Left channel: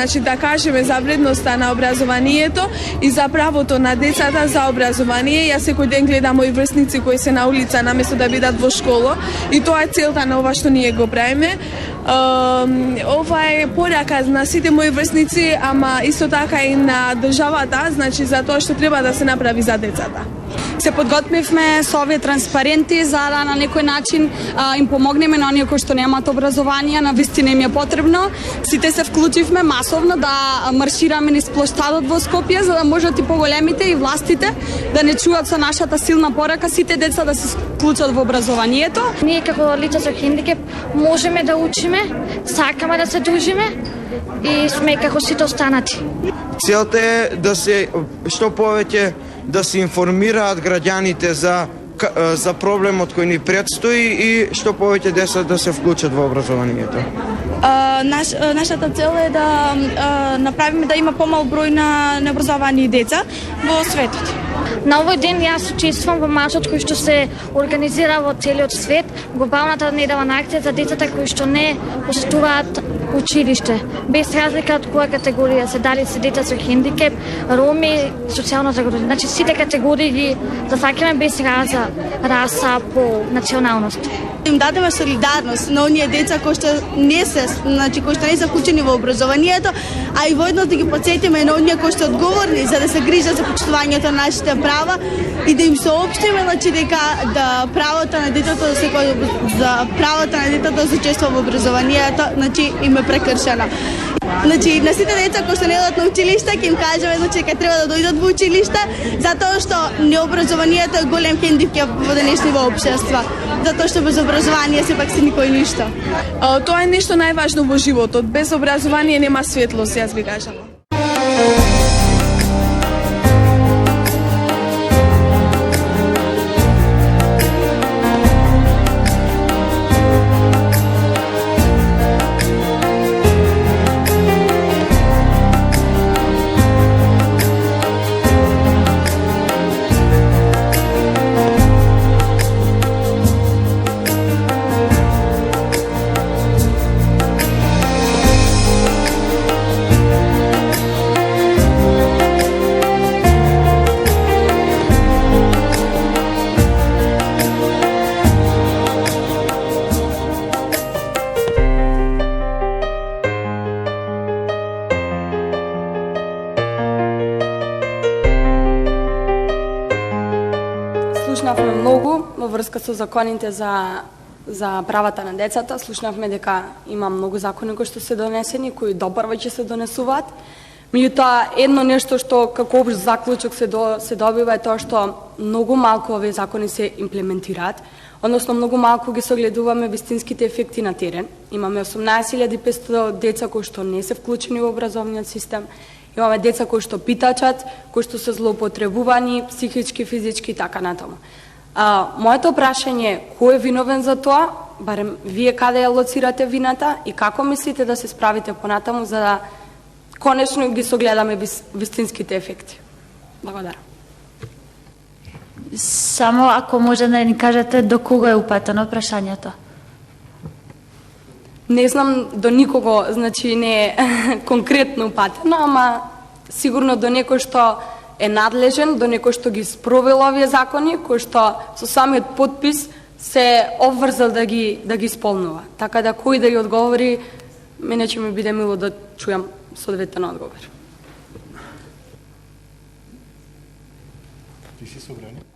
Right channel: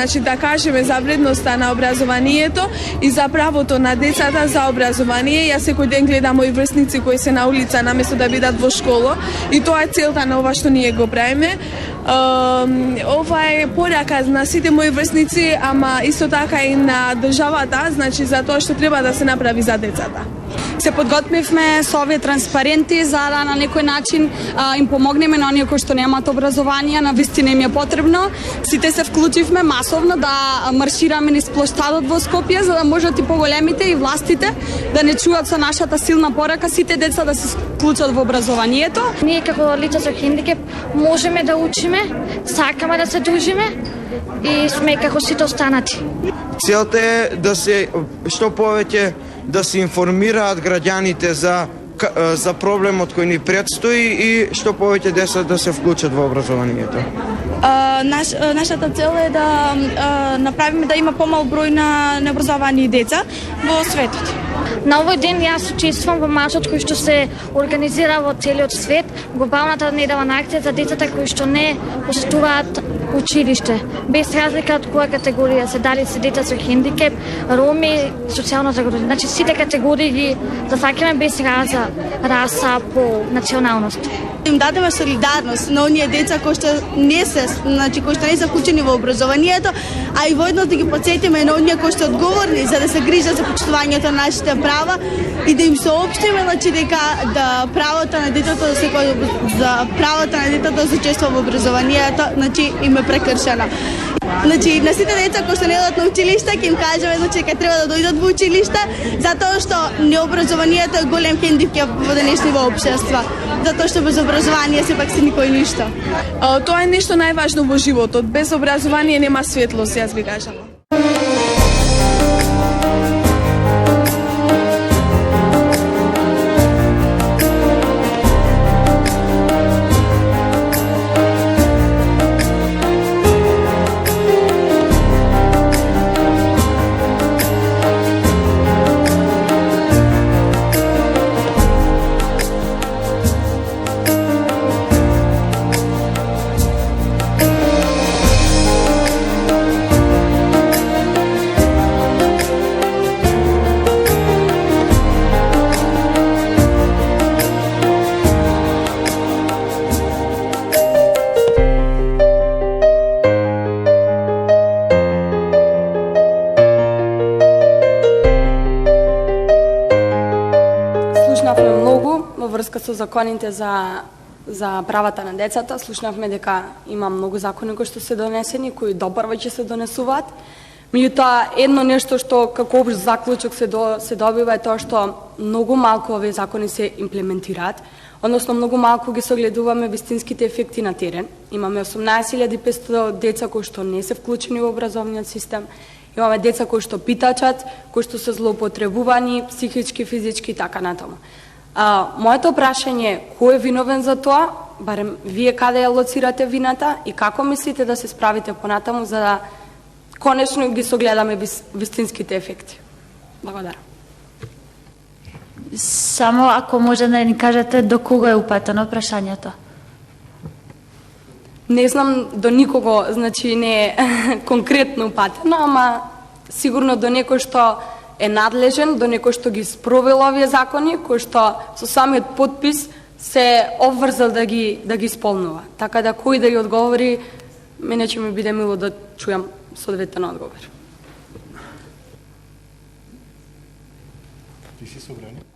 значи да кажеме за вредноста на образованието и за правото на децата за образование. Јас секој ден гледам мои врсници кои се на улица наместо да бидат во школа и тоа е целта на ова што ние го правиме. Ова е порака на сите мои врсници, ама исто така и на државата, значи за тоа што треба да се направи за децата. Се подготвивме со овие транспаренти за да на некој начин им помогнеме на оние кои што немаат образование, на вистина им е потребно. Сите се вклучивме масовно да маршираме низ плоштадот во Скопје за да можат и поголемите и властите да не чуат со нашата силна порака сите деца да се вклучат во образованието. Ние како лица со хендикеп можеме да учиме, сакаме да се дружиме и сме како сите останати. Целта е да се што повеќе да се информираат граѓаните за проблемот кој ни предстои и што повеќе деца да се вклучат во образованието. Нашата цел е да направиме да има помал број на необразовани деца во светот. На овој ден јас учествувам во маршот кој што се организира во целиот свет, глобалната неделна акција за децата кои што не посетуваат училиште, без разлика од која категорија се, дали се деца со хендикеп, роми, социјално загрижени. Значи сите категории ги зафаќаме без раса, пол, националност. Им дадеме солидарност на оние деца кои што не се, значи кои што не се вклучени во образованието, а и воедно да ги потсетиме на оние кои што одговорни за да се грижат за почитувањето на нашите права и да им соопштиме значи дека да правото на детето да се учества во образованието, значи им е прекршено. Значи на сите деца кои што не одат на училиште ќе им кажеме значи дека треба да дојдат во училиште затоа што необразованието е голем хендикеп во денешното општество. Затоа што без образование сепак си никој ништо. Тоа е нешто најважно во животот. Без образование нема светлост, јас ви кажам. Слушнавме многу во врска со законите за правата на децата. Слушнавме дека има многу закони кои што се донесени, кои допрва ќе се донесуваат. Меѓутоа, едно нешто што како општ заклучок се добива е тоа што многу малку овие закони се имплементираат, односно многу малку ги согледуваме вистинските ефекти на терен. Имаме 18.500 деца кои што не се вклучени во образовниот систем. Имаме деца кои што питачат, кои што се злоупотребувани, психички, физички и така натаму. Моето прашање е кој е виновен за тоа, барем вие каде ја лоцирате вината и како мислите да се справите понатаму за да конечно ги согледаме вистинските ефекти. Благодарам. Само ако може да ни кажете до кога е упатено прашањето? Не знам до никого, значи не е конкретно упатено, ама сигурно до некој што е надлежен, до некој што ги спровел овие закони, кој што со самиот подпис се обврзал да ги исполнува. Така да кој да ги одговори, мене ќе ми биде мило да чујам соодветен одговор. Ти си собрани?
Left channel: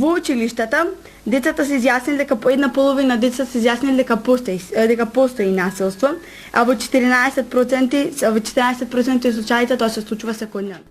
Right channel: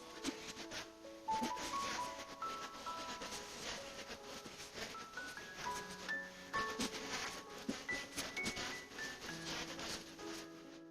Во училиштата, децата се изјаснили дека по една половина деца се изјаснили дека постои насилство, а во 14% од случаите тоа се случува секојдневно.